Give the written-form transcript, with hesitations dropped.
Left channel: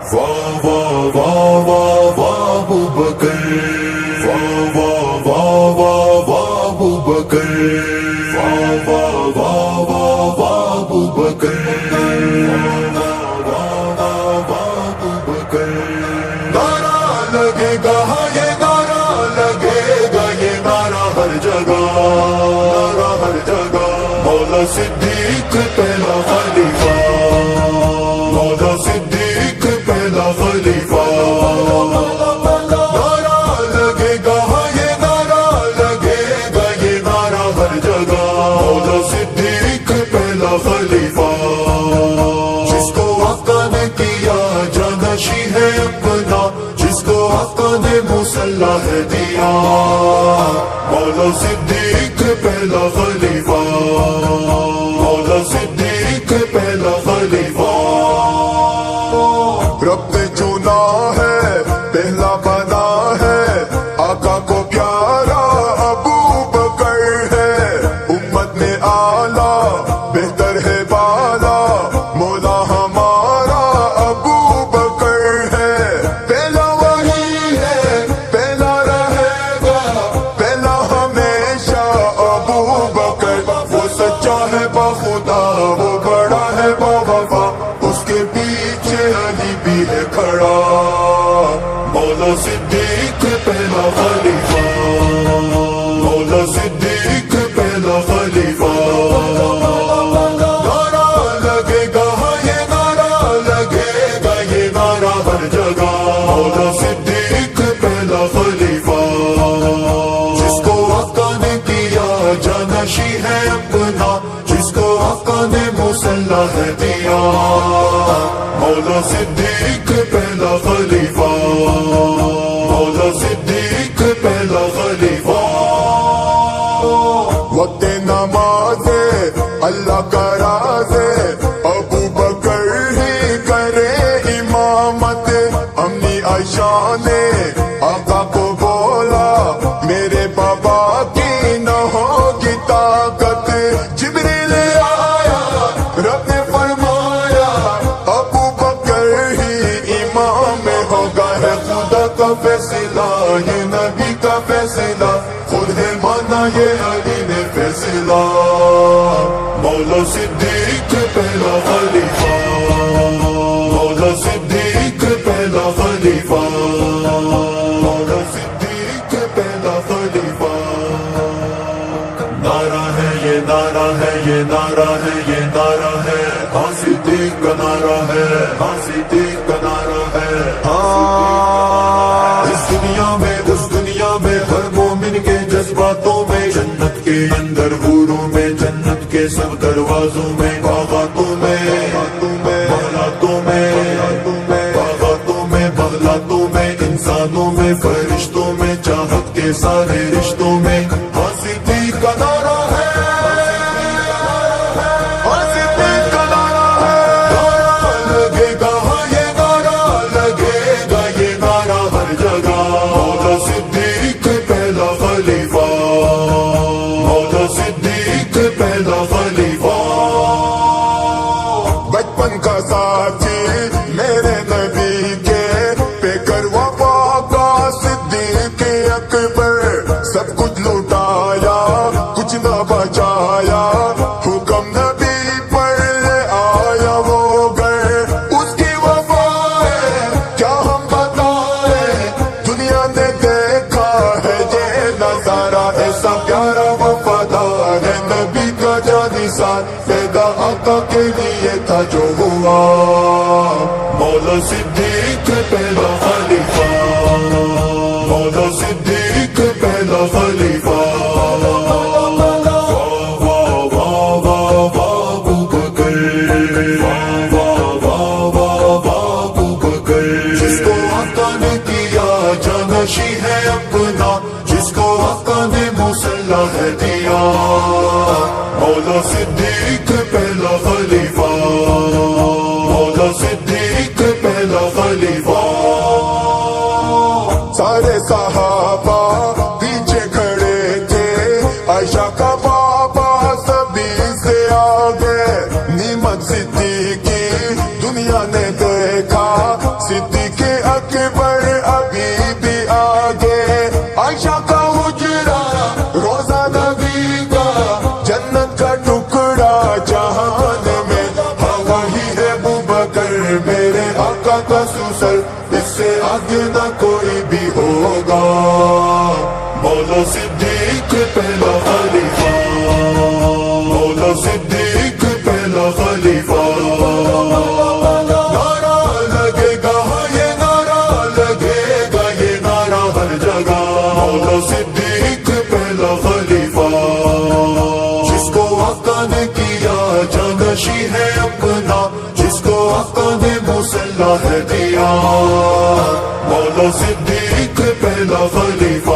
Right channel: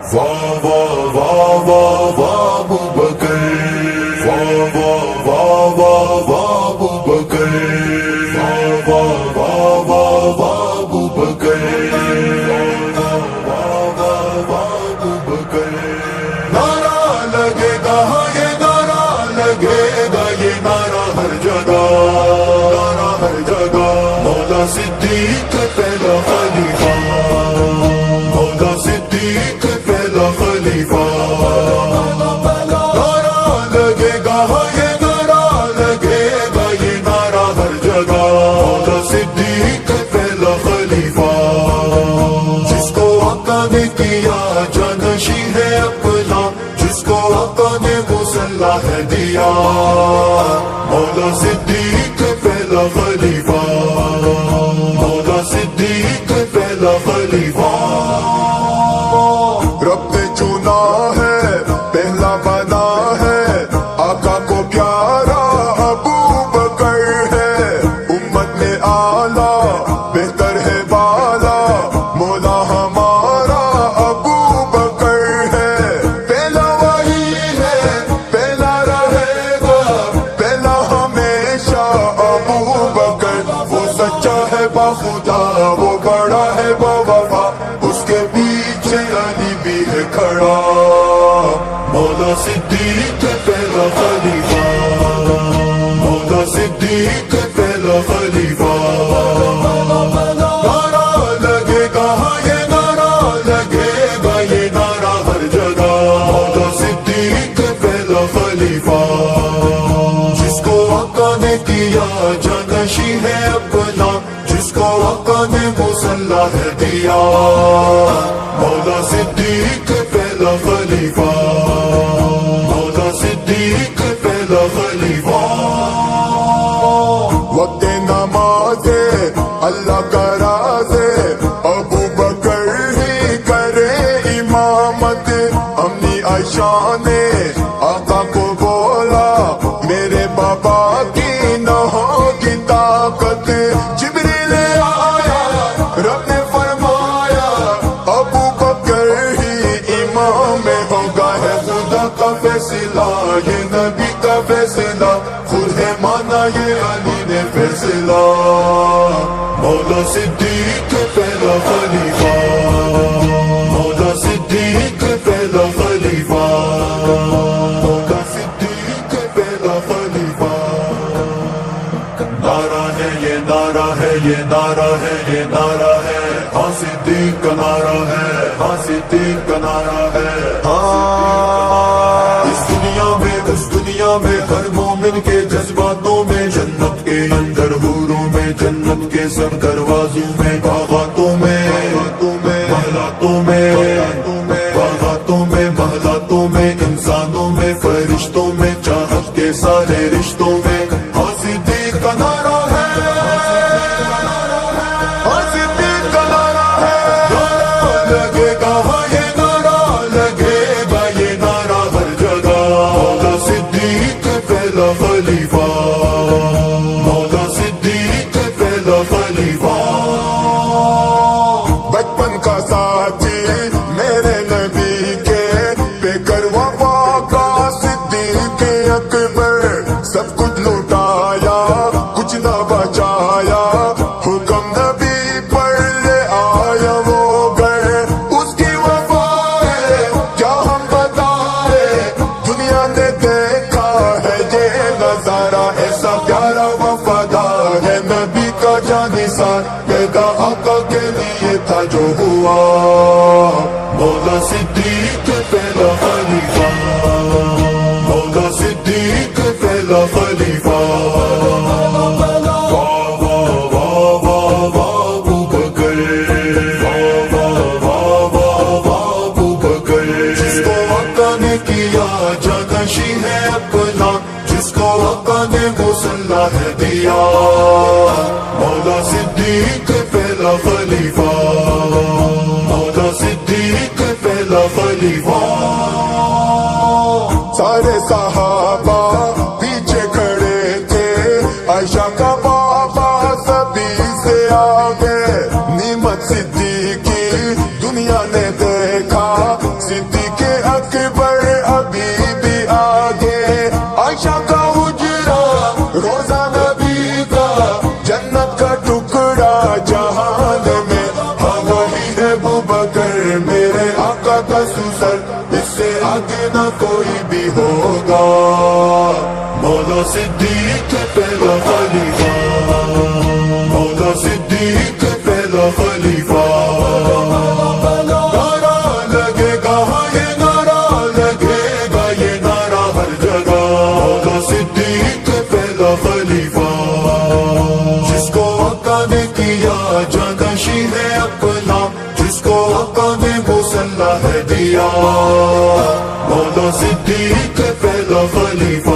واہ واہ واہ واہ واہ ابو بکر، واہ واہ واہ واہ واہ ابو بکر، واہ واہ واہ واہ واہ ابو بکر، واہ واہ واہ ابو بکر۔ نعرہ لگے گا یہ نعرہ لگے گا، یہ نعرہ ہر جگہ، نعرہ ہر جگہ، مولا صدیق پہلا خلیفہ، مولا صدیق پہلا خلیفہ۔ نعرہ لگے گا یہ نعرہ لگے گا، یہ نعرہ ہر جگہ، مولا صدیق پہلا خلیفہ۔ جس کو آقا نے کیا جانشی ہے اپنا، جس کو آقا نے مسلح دیا، مولا صدیق پہلا خلیفہ، مولا صدیق پہلا خلیفہ۔ رب نے چنا ہے پہلا بنا ہے، آقا کو پیارا ابو بکر ہے، امت میں آلہ بہتر ہے بالا، مولا ہمارا ابو بکر ہے، پہلا وہی ہے پہلا رہے گا، پہلا ہمیشہ ابو بکر، وہ سچا ہے باخدا وہ بڑا ہے باوفا، اس کے پیچھے علی بھی ہے کھڑا، مولا صدیق پہلا خلیفہ، مولا صدیق پہلا خلیفہ۔ نعرہ لگے گا یہ نعرہ لگے گا، یہ نعرہ ہر جگہ، مولا صدیق پہلا خلیفہ۔ جس کو آقا نے کیا جانشی ہے اپنا، جس کو آقا نے مسلح دیا، مولا صدیق پہلا خلیفہ، مولا صدیق پہلا خلیفہ۔ وقت نماز اللہ کا راز، ابو بکر ہی کرے امامت، امی عائشہ نے آقا کو بولا میرے بابا کی نہ ہوگی طاقت، جبریل آیا رب نے فرمایا ابو بکر ہی امام ہوگا، ہے خدا کا فیصلہ یہ نبی کا فیصلہ، خود ہے مانا یہ علی نے فیصلہ، مولا صدیق پہلا خلیفہ، مولا صدیق پہلا خلیفہ، مولا صدیق پہلا خلیفہ۔ نعرہ ہے یہ نعرہ ہے یہ نعرہ ہے یہ نعرہ ہے، ہاں صدیق کا نعرہ ہے، ہاں صدیق کا نعرہ ہے۔ ہاں اس دنیا میں اس دنیا میں ہر مومن کے جذباتوں میں، جنت کے اندر حوروں میں، جنت کے سب دروازوں میں، باغاتوں میں محلاتوں میں، باغاتوں میں محلاتوں میں، انسانوں میں فرشتوں میں، چاہت کے سارے رشتوں میں، ہاں صدیق کا نعرہ ہے، ہاں صدیق کا نعرہ ہے۔ نعرہ لگے گا یہ نعرہ لگے گا، یہ نعرہ ہر جگہ، مولا صدیق پہلا خلیفہ، مولا صدیق پہلا خلیفہ۔ بچپن کا ساتھی میرے نبی کے، بے کر وفا کا صدیق اکبر، سب کچھ لوٹایا کچھ نہ بچایا، حکم نبی پر لے آیا وہ گئے، اس کی وفا ہے کیا ہم بتائیں، دنیا نے دیکھا ہے یہ نظارہ، ایسا پیارا وفادار ہے نبی کا جانثار، پیدا آقا کے لیے تھا جو ہوا، مولا صدیق پہلا خلیفہ، مولا صدیق پہلا خلیفہ۔ واہ واہ واہ واہ واہ ابو بکر، واہ واہ واہ واہ واہ ابو بکر۔ جس کو آقا نے کیا جانشی ہے اپنا، جس کو آقا نے مسلح دیا، مولا صدیق پہلا خلیفہ، مولا صدیق پہلا خلیفہ۔ سارے صحابہ پیچھے کھڑے تھے، عائشہ کا بابا سبھی سے آگے، نعمت صدیقی دنیا نے دیکھا، سر اس سے آگے نہ کوئی بھی ہوگا مولا صدیق پہلا خلیفہ مولا صدیق پہلا خلیفہ نعرہ لگے گا یہ نعرہ لگے گا یہ نعرہ ہر جگہ مولا صدیق پہلا خلیفہ جس کو آقا نے کیا جانشی ہے اپنا جس کو آقا نے مسلح ہے دیا مولا صدیق پہلا خلیفہ